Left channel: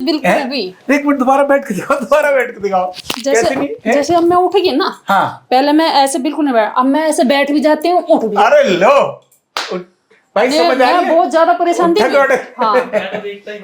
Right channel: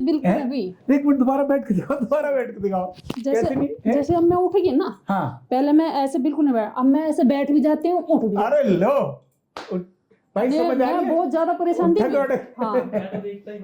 बिल्कुल भी। एक मिनट दोबारा बैठ के दिखाओ, दोबारा बैठ के दिखाओ। जैसे अब मैं उठ गई ना, हाँ पहले मैं ऐसे बिल्कुल नहीं बैठ, अब मैं ऐसे बैठ भी जाती हूँ, उठ भी जाती अरे लो भाई, समझ आ रही मैं है? बहुत ज्यादा परेशान थी। हाँ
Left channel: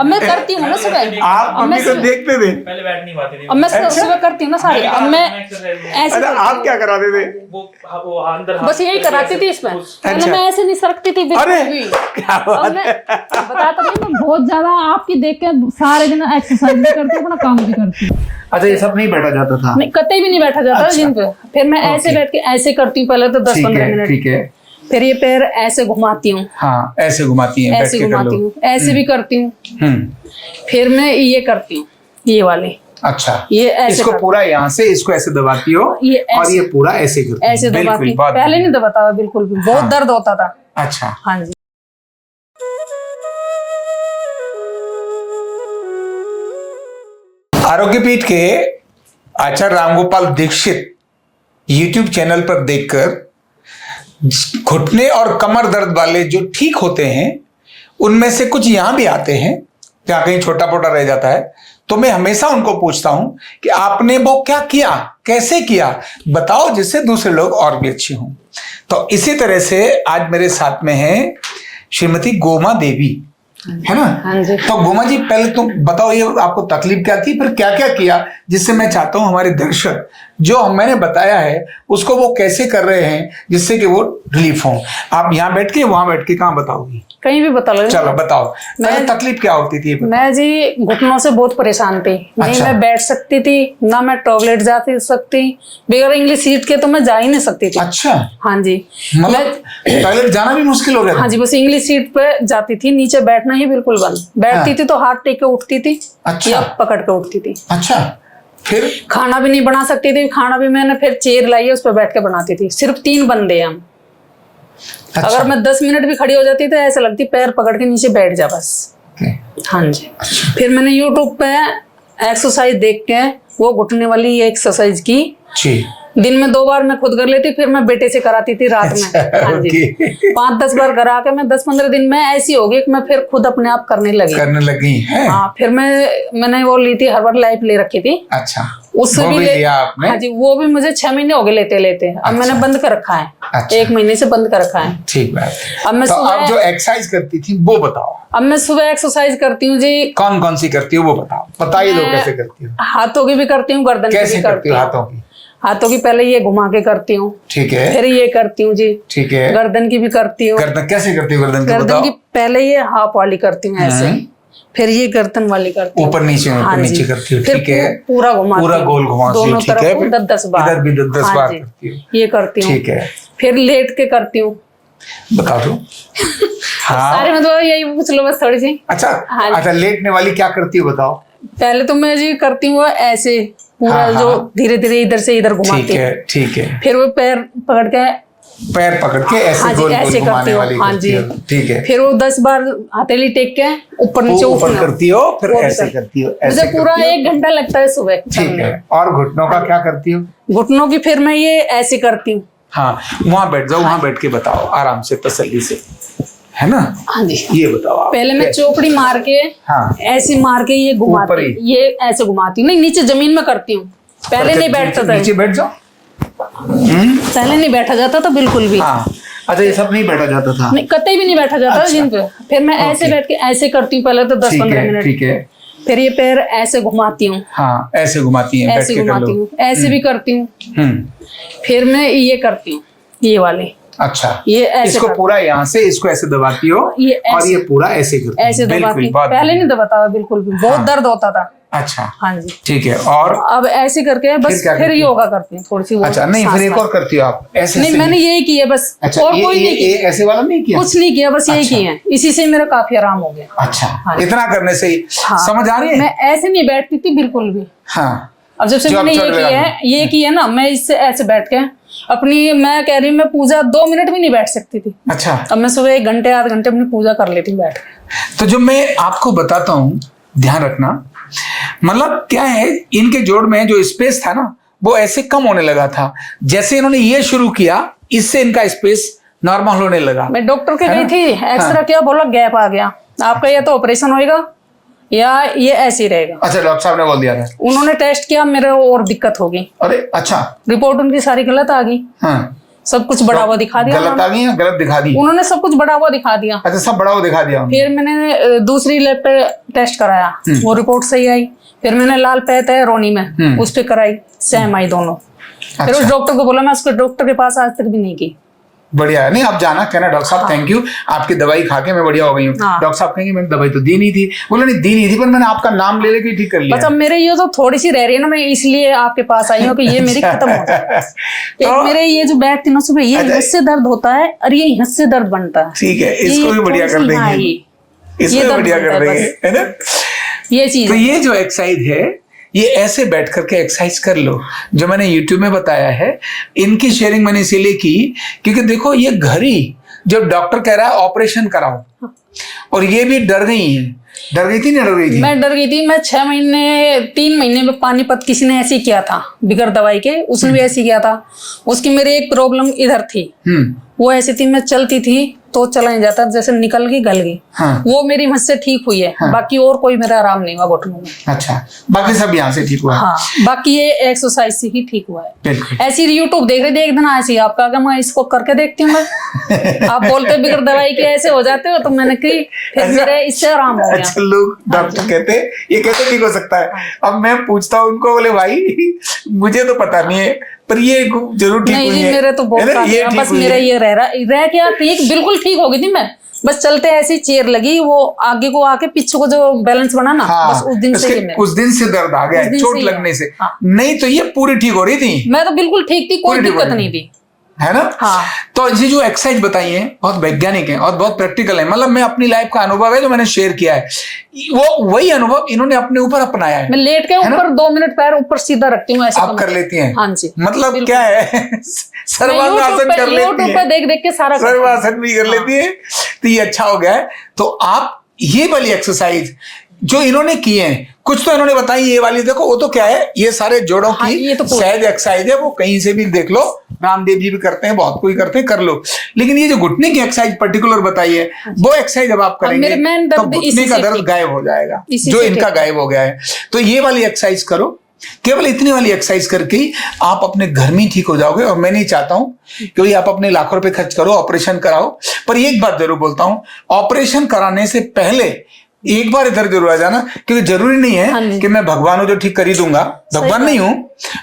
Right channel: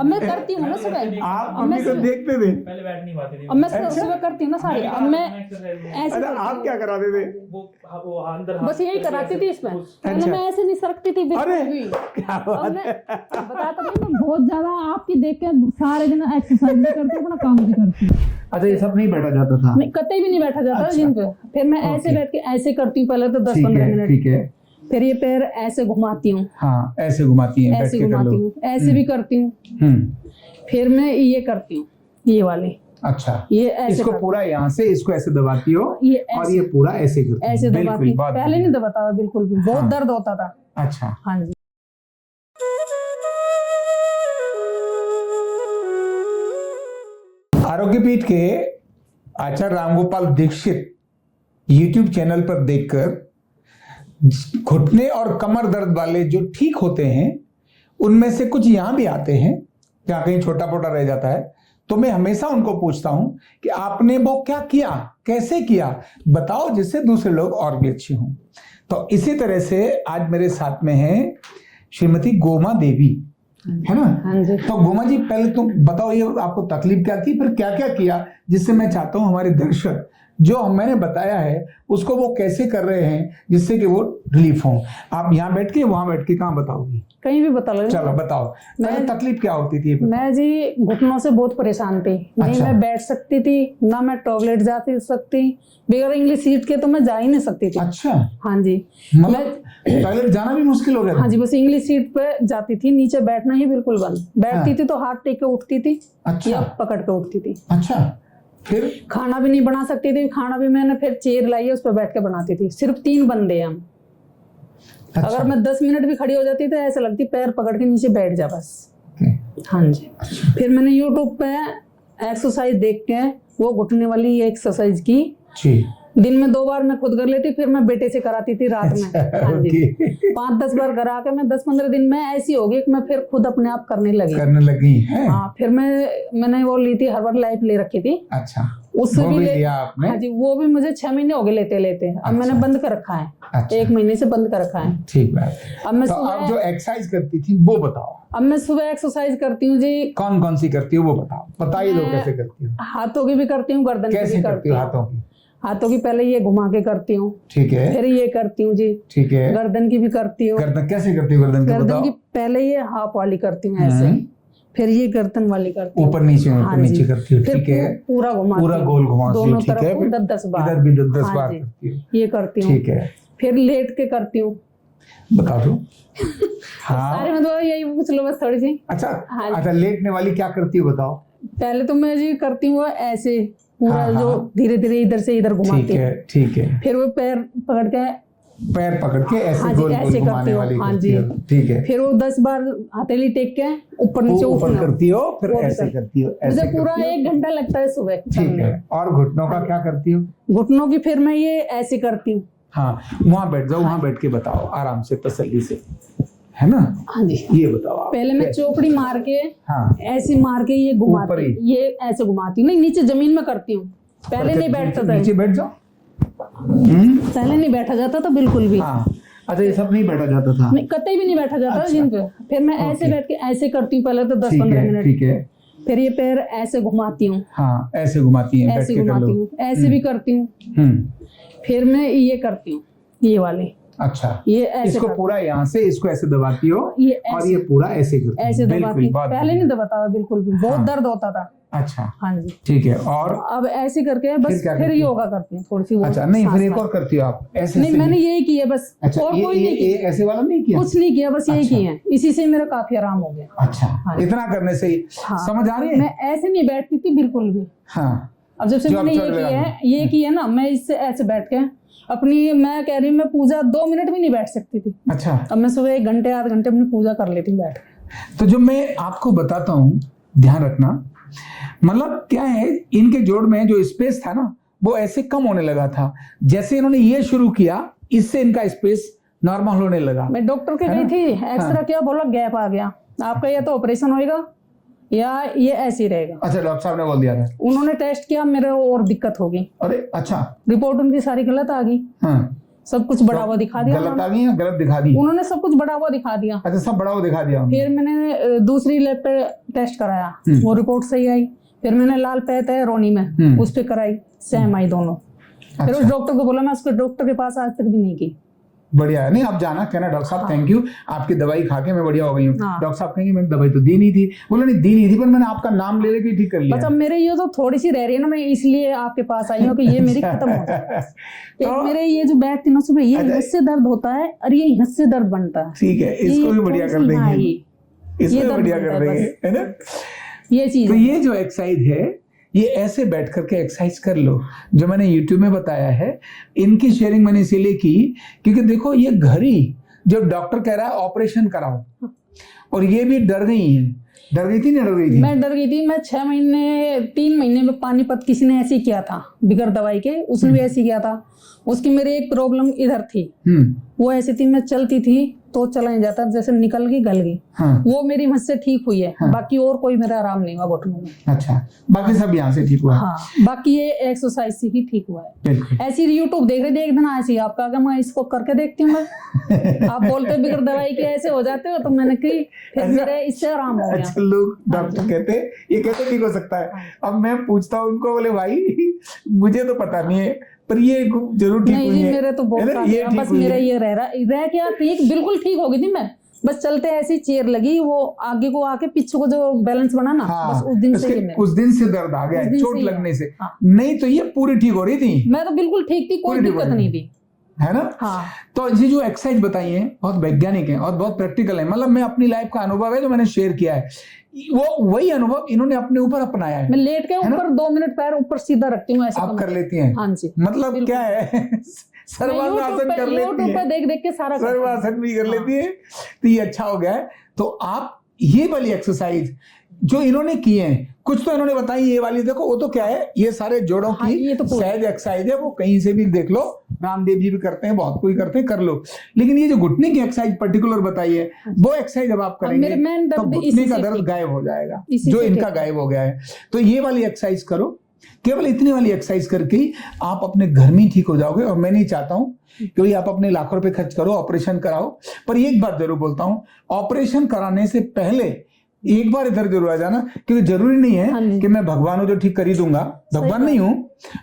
अब मैं करती हूँ ना सुबह, आप मम्मी को देखते थे? पहले बैठ नहीं पाती थी। अब मैं सुबह करती हूँ ना सारी, अब मैं ऐसे अच्छा, आप क्या कराते थे? वो अंदर बस यही कराती थी इसमें। पहले मैं ऐसे नहीं सरकती थी बिल्कुल अरे भी। क्या अब बात मैं बताता नहीं, मैं बहुत ज्यादा आपकी देख के सारे दिन एक्सरसाइज भी करती हूँ, अपना काम भी करती हूँ। अच्छा, ये सब नहीं बैठा जाता था? नहीं, कतई भी नहीं बैठा जाता अच्छा। जिन पे। फिर मैं ऐसे बैठ के ऐसे करती हूँ पहले तो 10-15 मिनट, ठीक है। फिर ये पैर ऐसे घुमाती हूँ, हाँ, ऐसे घुमाती हैं, बैठ ऐसे के कर घुमाती लो। हूँ, ऐसे भी करती हूँ। फिर मैं ये करती हूँ, ये वाले अच्छा, ये ऐसे इसको करती पूरा यहाँ से इसको ऐसे दबाती हो ये और ऐसे- ये पूरा ऐसे करती हो। ऐसे बिल्कुल, दबाती। बहुत पहले नहीं दबाता था बिल्कुल भी, बहुत हाँ। दर्द होता था। अच्छा। हाँ जी। आरोग्य पीठ के आचार्य रामगोपाल दीक्षित YouTube चैनल पर देखकर घुटने और कमर दर्द वाले जो ठीक होते हैं, उनमें से कुछ यहां भी आते हैं जहां कहीं छोटा पोटा रह जाता है, तो मैं हमेशा उनको पूछता हूं कि आपने वो क्या किया, कैसे किया, बताओ, जिससे दूसरे लोग और भी अच्छे हों। तो इसी तरह से आज मेरे साथ में है श्रीमती गोमा देवी, है ना? हाँ जी। तो गोमा जी, पहले तुम बताओ ये आपको तकलीफ क्या थी, फिर क्या क्या किया, जिससे मैं चाहता हूं हमारे दर्शक जो मैंने बताया है उसको वो कैसे कर रहे हैं, जिससे कि वो रिलीफ हो। आप यहाँ बैठ के वहां बैठ के कहाँ बताओगी? कहीं भी बता लो। चलो बताओ, पहले तकलीफ क्या होती थी? मैं जी घुटनों से बहुत परेशान थी। नहीं अच्छा। मैं बैठ सकती थी, ना मैं टॉयलेट जा सकती, बगैर इंग्लिश सीट के तो मैं जा ही नहीं सकती थी। अच्छा, हाँ जी। मतलब टॉयलेट जाना भी मुश्किल हो गया था? हाँ जी, बस इंग्लिश सीट पे जाती थी, नीचे बैठना ही बिल्कुल बंद। बैठती थी तो हाथ टेक के उठती थी, अच्छा। या पकड़ के उठती थी। अच्छा, फिर? खाना भी नहीं बना सकती थी, खाना भी मैंने फिर चेयर लाई है, उस पर बैठ के बनाती थी। सिर्फ 3 बंदे हैं हम। अच्छा। अगर मैं 10 मिनट भी खड़ी हो जाती तो ऐसा लगती पैर पकड़ के नीचे बैठ जा बस। हाँ जी। फिर मैंने यूट्यूब पे एक्सरसाइज देख के वो घुटने वाली एक्सरसाइज की। जी। दिन में 2 बार मैं खुद कर लेती, फिर मैं बेटे से कराती थी रात में। हाँ जी। 5-10 बार करा के मैं 10-15 दिन में ऐसी हो गई कि मैं फिर खुद अपने आप करने लगी है। हाँ, फिर मैंने वो ली थी, हर्बल लाइफ ले रखी थी। अच्छा, उससे वो भी लिया आपने? हाँ जी, वो भी मुझे 6 महीने हो गए लेते लेते। अब मैंने बंद कर रखा है। अच्छा। 1 महीने से बंद कर रखा है। ठीक बात। अब मैं तो सुबह आप जो एक्सरसाइज करती थी वो बताओ। अब मैं सुबह एक्सरसाइज करती हूँ जी। कौन कौन सी करती हो वो बताओ, बताइए दो कैसे करती हो। हाथों की भी करती हूँ, गर्दन की कैसे भी करती करती हो हूँ। हाथों की? हाथों की पहले ये घुमा के करती हूँ, ठीक है, फिर ये करती हूँ जी। ठीक है। गर्दन की भी करती हूँ। गर्दन कैसे करती हो? गर्दन की गर्दन बताओ। की पहले ये हाफ वाली करती हूँ ऐसे, फिर ये गर्दन वाली करती हूँ, ऊपर नीचे हाँ ऊपर जी। नीचे करती हो, फिर ठीक है। पूरा घुमाती पूरा हूँ, गोल घुमाती हो, दोनों ठीक है। तरफ 10-10 बार, इधर भी 10-10 हाँ बार जी। करती हो, ये करती हूँ, ठीक है। फिर लेट के करती हूँ। बता दो। हाँ, सारे में तो यही पूछ लो बस थोड़ी सी। अच्छा। हाँ। अच्छा, लेटने वाली क्या करती हो बताओ। पहले तो मैं जी करती हूँ ऐसे पूरा, हाँ, जो हाँ। धीरे धीरे इधर से इधर ठीक घुमाती हूँ। है, ठीक है। फिर वो पैर पकड़ के, पैर पकड़ के ऐसे हाँ जी, गोल गोल ऐसे घुमाने करती हूँ। वाली हाँ करती जी। हो, ठीक है। फिर वो 10 बार हथेली टेक के ऊपर नीचे ऊपर उठना करती हो, फिर वो भी ऐसे कर- करती हो, मुझे ऐसे पूरा करती हो। 1 घंटा लगता है सुबह ठीक करने। है। और घुटनों का क्या करती हो? घुटनों की फिर मैं ये ऐसे करती हूँ। हाँ, वहां बैठ जाओ, वहां बैठ के बताओ आराम से, तसल्ली से, है ना? हाँ जी। ये बताओ आप। पहले मैं चौकड़ी मार के, हाँ। ऐसे मार के ये ऊपर घुमाती ही? हूँ, ये ऐसे घुमाती हूँ। नहीं, नीचे जमीन में करती हूँ। पहले नहीं बैठता था, नीचे बैठ जाओ। पहले नहीं बैठा जाता था बिल्कुल भी। हाँ। अच्छा, ये सब नहीं बैठा जाता था? नहीं, कतई भी नहीं बैठा जाता अच्छा। जिन पे। फिर मैं ऐसे बैठ के ऐसे करती हूँ पहले तो ठीक 10-15 है, मिनट। ठीक है। फिर ये पैर ऐसे घुमाती हूँ, हाँ, ऐसे घुमाती हैं, बैठ ऐसे के कर घुमाती लो। हूँ, ऐसे भी करती हूँ। हम्म। फिर मैं ये करती हूँ, ये वाले, अच्छा, ये ऐसे इसको करती पूरा यहाँ से इसको ऐसे दबाती हो ये और ऐसे- ये पूरा ऐसे करती हो। ऐसे दबाती बिल्कुल, हूँ। बहुत पहले बढ़िया। नहीं दबाता था बिल्कुल भी, बहुत दर्द होता था। अच्छा, हाँ जी। ठीक है। और अब ऐसे करके बस क्या फिर करती हो? योगा करती हूँ थोड़ी सी वो अच्छा, नहीं, सांस फिर एक वाली। और करती हो आप ऐसे नहीं, से मैंने यही किया बस। अच्छा, और कोई नहीं ये किया, ऐसे वाला नहीं किया? कुछ नहीं किया, बस यही अच्छा। किए हैं। इसी से मेरा काफी आराम हो गया। अच्छा, हाँ। इतना करने से ही हाँ। समझ आ रही है? मैं ऐसे नहीं बैठती थी बिल्कुल भी। हाँ। अब जब से जो मैंने अब ये चढ़ किया लगा है, ये किया ना, मैं इससे ऐसे बैठ के अपनी, मैं कह रही हूँ, मैं पूजा 2 मिनट भी नहीं बैठ सकती थी। अच्छा, अब मैं सुबह 1 घंटे 8 घंटे अपनी पूजा कर लेती हूँ बैठ के। तो जो मैं आपको बताता हूँ, ध्यान रखना, मतलब क्या है, इनके जोड़ में जो स्पेस था ना, वो ऐसे कम होने लगा था। जैसे इन्होंने ये शुरू किया, इससे इनका स्पेस नॉर्मल होने लगा। मैं डॉक्टर के है गई ना? थी, एक्सरा किया, बोला गैप आ गया आपका, या तो ऑपरेशन होएगा या ये ऐसे ही रहेगा। अच्छा, डॉक्टर साहब ने बोल दिया था। उन्होंने टेस्ट किया, मेरे और दिक्कत हो गई। अरे अच्छा, रिपोर्ट उनकी सारी गलत आ गई। हाँ, सब कुछ बड़ा हुआ दिखा दिया। गलत आ गई या गलत दिखा दी? उन्होंने सब कुछ बड़ा हुआ दिखा दिया। अच्छा, सब बड़ा हुआ दिखा दिया। फिर मैंने दूसरी लैब पे टेस्ट कराया, वो रिपोर्ट सही आई। फिर मैंने लाल पैत है रोनी में, उस पे कराई, सेम आई दोनों। फिर उस डॉक्टर को बोला, मैं उसके डॉक्टर के पास आज तक भी नहीं की। बढ़िया है। नहीं, आप जाना, कहना डॉक्टर साहब थैंक यू, आपकी दवाई खा के मैं बढ़िया हो गई हूँ। डॉक्टर साहब कहेंगे मैंने दवाई तो दी नहीं थी। बोला नहीं दी नहीं थी, पर मैंने आपका नाम ले लेके ठीक कर लिया। बस अब मेरे ये तो थोड़ी सी रह रही है ना, मैं इसलिए आपके पास आई हूँ कि ये मेरी खत्म हो जाए। एक मेरे ये जो बैठ थी ना सुबह, ये यहाँ से दर्द होता है और ये यहाँ से दर्द बनता है। ठीक है, इसको भी बढ़िया कर देंगे, इसको भी बढ़िया कर देंगे, है ना। ये चीज, तो ये जो एक्सरसाइज है, ये ऐसे बैठ करके एक्सरसाइज कर लो, जो मैंने YouTube में बताया है। इनकी शेयरिंग मैंने इसीलिए की क्योंकि देखो, ये घर ही जब डॉक्टर कह रहा है ऑपरेशन कराओ, और ये भी डर गई है। डर गई थी, नहीं डर गई थी? मैं डर गई थी। मैं 3 महीने में पानीपत किसी ने ऐसे ही किया था बिगर दवाई के, उसने भी ऐसे किया था। उसकी मेरी एक प्रॉब्लम इधर थी, वो ऐसी थी, मैं चलती थी तो चला नहीं जाता, जैसे निकल गई गल गई। हाँ। वो मेरी मुझसे ठीक हुई है। हाँ। बाकी और कोई मेरा आराम नहीं हुआ घुटनों में। अच्छा, बाकी सब यहाँ से ठीक हुआ? हाँ, बाकी ये एक्सरसाइज से ही ठीक हुआ है। ऐसी यूट्यूब देख रही थी एक दिन, ऐसी आपका क्या, मैं इसको करके देखती हूँ। आप बोलते बिगर दवाई के ऐसे हो जाते हो, तो मैंने की, फिर मेरे इससे आराम हो गया। अच्छा, लोग डॉक्टर कहते ये कैसे ठीक हो सकता है? अब मैं पूछता हूँ उनको, बोले भाई मुझे तो पता नहीं है, पर ये जरूर ठीक हुई है। मेरे तो बहुत बस मेरा ये रह क्या ठीक, बिल्कुल ठीक हो गई थी मैं। बस चलते ऐसी चेयर लगी, वो आगे को आके पीछे को जो बैलेंस बना ना, हाँ, बस उस दिन से दर्द आ गया, चोट लगने से। हाँ। नहीं तो ये पूरी ठीक हो रही थी। मैं तो बिल्कुल ठीक थी, कोई दिक्कत नहीं थी, है ना। हाँ। तो ये जो एक्सरसाइज बताई है बहुत वैज्ञानिक है और बहुत प्रैक्टिकल है। मतलब मैं अपनी लाइफ का अनुभव है जो मैंने शेयर किया है, वो वही अनुभव इन्होंने अपने ऊपर अपनाया है। मैं लेट के ऊपर 2 मिनट पैर ऊपर सीधा रखती हूँ, ऐसे आप कर लेती हैं? हाँ जी। मतलब क्या है, सर्वांगासन कर लेती है, देख के सारा सर्वासन भी कर लेती है। तो ये अच्छा हो गया है। तो आप ये वाली एक्सरसाइज जो इन्होंने किए हैं, कुछ तो इन्होंने बताई, ये वाली देखो, वो तो क्या है, ये सारे जोड़ों की तो सहज एक्सरसाइज है, वो कहीं से भी देख लो, रामदेव जी भी करते हैं, बहुत कोई करते हैं, कर लो। लेकिन ये जो घुटने की एक्सरसाइज पर्टिकुलर बताई है, वो एक्सरसाइज जब आप करेंगे तो घुटने का दर्द गायब हो जाएगा, जो इनका गायब हो गया है। तो ये वाली एक्सरसाइज करो, केवल इतनी वाली एक्सरसाइज करके ही आप अपने घर में ठीक हो जाओगे। और मैं नहीं चाहता हूं कि भाई आप अपने लाखों रुपए खर्च करो, ऑपरेशन कराओ। पर एक बात जरूर बोलता हूं, ऑपरेशन कराने से पहले एक बार इधर जरूर आ जाना, क्योंकि जरूरी नहीं है कि मैं भगवान हूं जो ठीक कर ही दूंगा, भगवान नहीं हूं।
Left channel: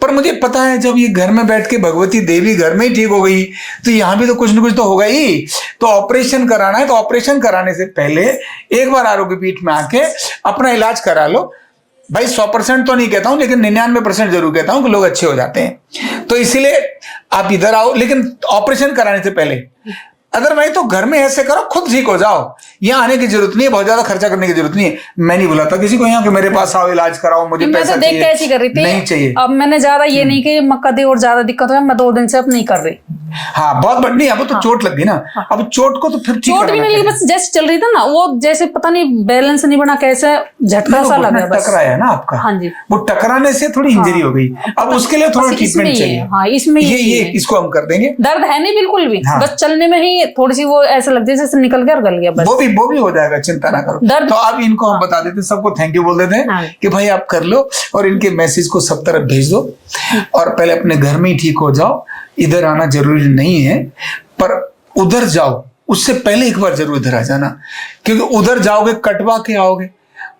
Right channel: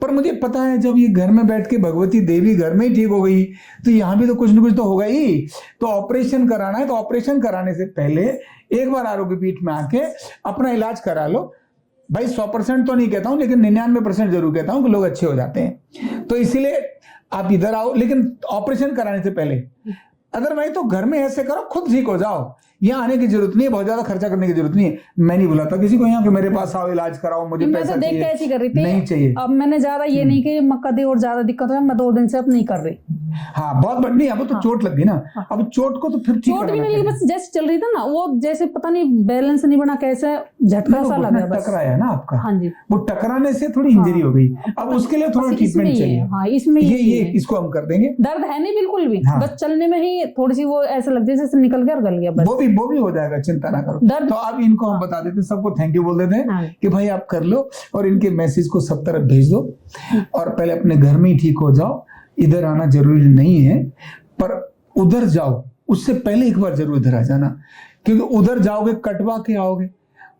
पर मुझे पता है जब ये घर में बैठ के भगवती देवी घर में ही ठीक हो गई, तो यहां भी तो कुछ ना कुछ तो होगा ही। तो ऑपरेशन कराना है, तो ऑपरेशन कराने से पहले एक बार आरोग्य पीठ में आके अपना इलाज करा लो। भाई 100% तो नहीं कहता हूं, लेकिन 99% जरूर कहता हूं कि लोग अच्छे हो जाते हैं। तो इसीलिए आप इधर आओ, लेकिन ऑपरेशन कराने से पहले। अदरवाइज तो घर में ऐसे करो, खुद ठीक हो जाओ। यहाँ आने की जरूरत नहीं है, बहुत ज्यादा खर्चा करने की जरूरत नहीं है। मैं नहीं बुलाता किसी को यहाँ कि मेरे पास आओ इलाज कराओ, मुझे पैसा तो चाहिए। ऐसी कर रही थी, नहीं चाहिए। अब मैंने ज्यादा ये नहीं कि मक्का दे और ज्यादा दिक्कत है, मैं 2 दिन से अब नहीं कर रही। हाँ, बहुत बढ़िया। अब तो चोट लग गई ना, अब चोट को तो फिर ठीक चोट भी नहीं लगी, बस जैसे चल रही था ना, वो जैसे पता नहीं बैलेंस नहीं बना, कैसे झटका सा लगा, बस टकराया ना आपका। हाँ जी, वो टकराने से थोड़ी इंजरी हो गई। अब उसके लिए थोड़ा ट्रीटमेंट चाहिए। हाँ, इसमें ये इसको हम कर देंगे। दर्द है नहीं बिल्कुल भी, बस चलने में ही थोड़ी सी वो ऐसा लगता है जैसे निकल गया और गल गया, बस वो भी हो जाएगा, चिंता ना करो। तो अब इनको हम बता देते, सबको थैंक यू बोल देते हैं कि भाई आप कर लो, और इनके मैसेज को सब तरफ भेज दो, और पहले अपने घर में ही ठीक हो जाओ। इधर आना जरूरी नहीं है, पर उधर जाओ उससे पहले एक बार जरूर इधर आ जाना, क्योंकि उधर जाओगे कटवा के आओगे,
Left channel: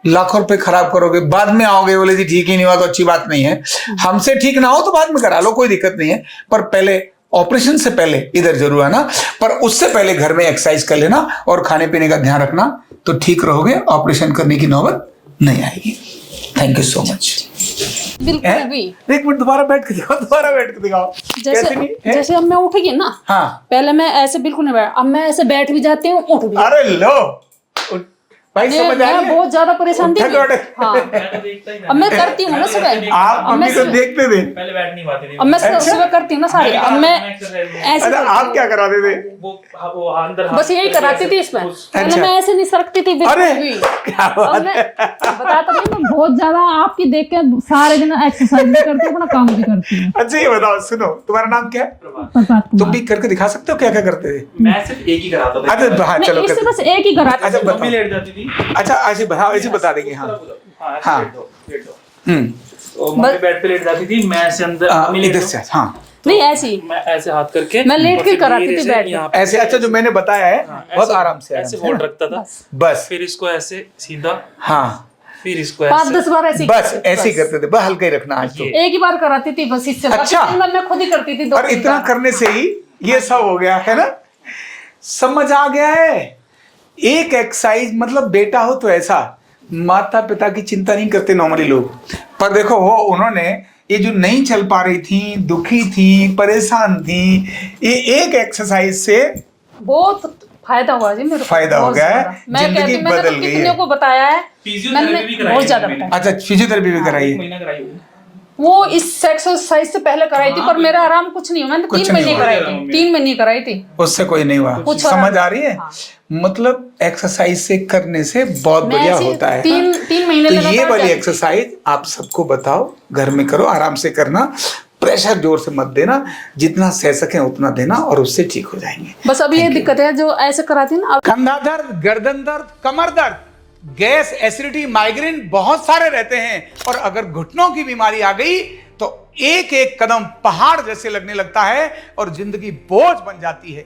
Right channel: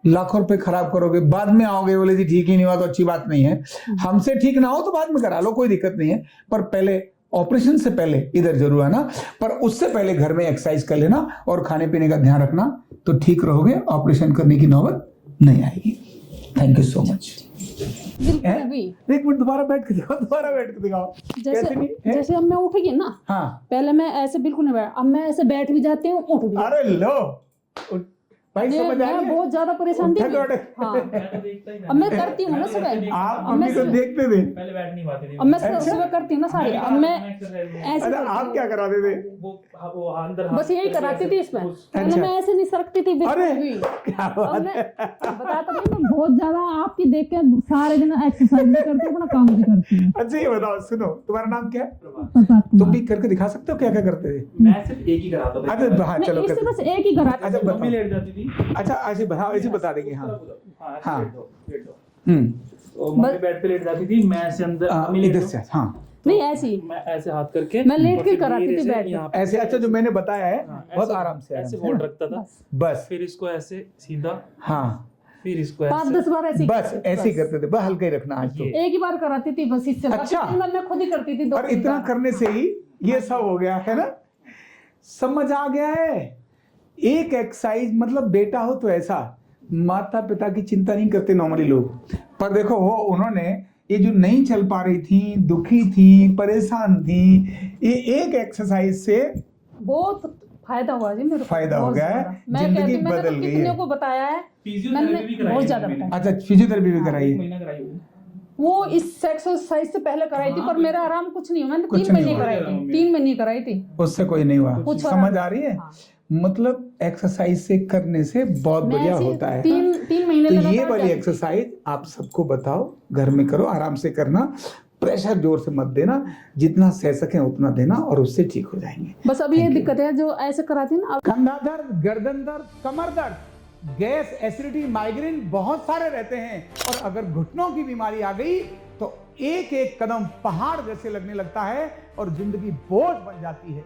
लाखों रुपए खराब करोगे, बाद में आओगे बोले जी ठीक ही नहीं हुआ, तो अच्छी बात नहीं है। हमसे ठीक ना हो तो बाद में करा लो, कोई दिक्कत नहीं है, पर पहले ऑपरेशन से पहले इधर जरूर आना। पर उससे पहले घर में एक्सरसाइज कर लेना और खाने पीने का ध्यान रखना, तो ठीक रहोगे, ऑपरेशन करने की नौबत नहीं आएगी। Thank you so much. बिल्कुल भी। एक मिनट दोबारा बैठ के दिखाओ, जैसे अब मैं उठ गई ना, हाँ, पहले मैं ऐसे बिल्कुल नहीं बैठ, अब मैं ऐसे बैठ भी जाती हूँ, उठ भी। अरे लो भाई, समझ आ मैं बहुत ज्यादा परेशान थी। हाँ, अब मैं करती हूँ ना सुबह। आप मम्मी को देखते थे, पहले बैठ नहीं पाती थी। अब मैं सुबह करती हूँ ना सारी। अब मैं ऐसे, आप क्या कराते थे? वो अंदर बस यही कराती थी इसमें। पहले मैं ऐसे नहीं सरकती थी बिल्कुल भी। अब मैं बताता हूँ, मैं बहुत ज्यादा आपकी देख के सारे दिन एक्सरसाइज भी करती हूँ, अपना काम भी करती हूँ। अच्छा ये बताओ, सुनो, तुम्हारा नाम क्या है? तुम भी करके दिखा सकते हो क्या क्या करते थे? मैं सिर्फ एक ही कराता था। अच्छा हाँ, चलो इससे बस एक ही कराती थी। मम्मी लेट जाती थी थी। अच्छा ऐसे बता देंगे। हाँ हाँ हाँ। लेट दो। तो मम्मी बेड पे लेट जाती थी, मैं ऐसे अंदर मम्मी लेट इधर दो। से। हाँ नहीं ऐसी मैं ऐसे हाथ करके मैं लेट और के फिर कराती धीरे थी से बेड पे। यहाँ पे ऐसे। अच्छा जो मैंने बताया है बहुत ऐसे- आराम से ऐसे है होल्ड ना? रखता था, बस। फिर इसको ऐसे सीधा, हाँ फिर इसको 5-10 ऐसे। बार ऐसी बस ऐसे ही करते थे, बस हल्का ही रखना आज तो। ये। एक ही बार कराती थी बस, इससे बाकी अच्छा। 3 बार मैं खुद ही करती थी। 2 और इतना करने से ही ये सब हो गया है ना, समझ आ गया है। एक एक्सरसाइज मतलब बेटा हो तो ऐसा, माता पिता की चिंता नहीं करते नॉर्मली लोग, पर देखो वो उन्होंने ये जो नहीं चल पा रही थी, दुखी थी, परेशान थी, ये एक एक्सरसाइज से बहुत फायदा हुआ जी मेरे को। फायदा हो बहुत गया है, ज्यादा। मैं जिंदगी कहती, मैंने बदल तो गई कितने है। को बताया है, फिजियोथेरेपी मैंने भी कराई बहुत है ज्यादा मैंने। बताया। अच्छा फिजियोथेरेपी भी कराई है। महीना कराई होगी। वो इस एक्सरसाइज से पहले कराई थी, पर मेरा आराम कुछ नहीं हुआ। मैंने कुछ 3 नहीं महीने हुआ। कराई थी, 3 महीने कराई थी। उससे कोई नहीं हुआ। कुछ समझ फर्क- आ रही है? हाँ। मतलब एक्सरसाइज से करने से बहुत मैं बढ़िया ऐसे होता है। 3 महीने तो ये लगातार वाली जाती थी। एक्सरसाइज आप सबको बताओ, घर में करो, आराम से करना, प्रेशर जोर से मत देना, जितना सह सके उतना देना और उससे ठीक हो जाएंगे। बस अभी ये दिक्कत है जो ऐसे कराती है ना। कंधा दर्द, गर्दन दर्द, कमर दर्द, गैस, एसिडिटी, माइग्रेन बहुत सारे रहते हैं, और अगर घुटनों की बीमारी आ गई तो एक एक कदम पहाड़ जैसे लगने लगता है और जिंदगी बोझ बन जाती है।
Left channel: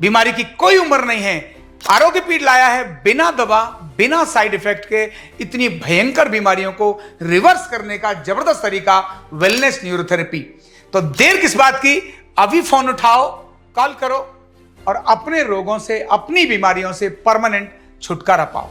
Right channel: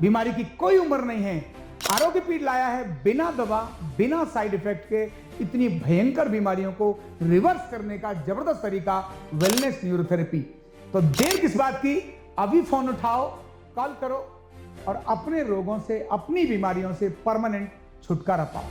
बीमारी की कोई उम्र नहीं है। आरोग्य पीठ लाया है बिना दवा, बिना साइड इफेक्ट के इतनी भयंकर बीमारियों को रिवर्स करने का जबरदस्त तरीका, वेलनेस न्यूरोथेरेपी। तो देर किस बात की, अभी फोन उठाओ, कॉल करो और अपने रोगों से, अपनी बीमारियों से परमानेंट छुटकारा पाओ।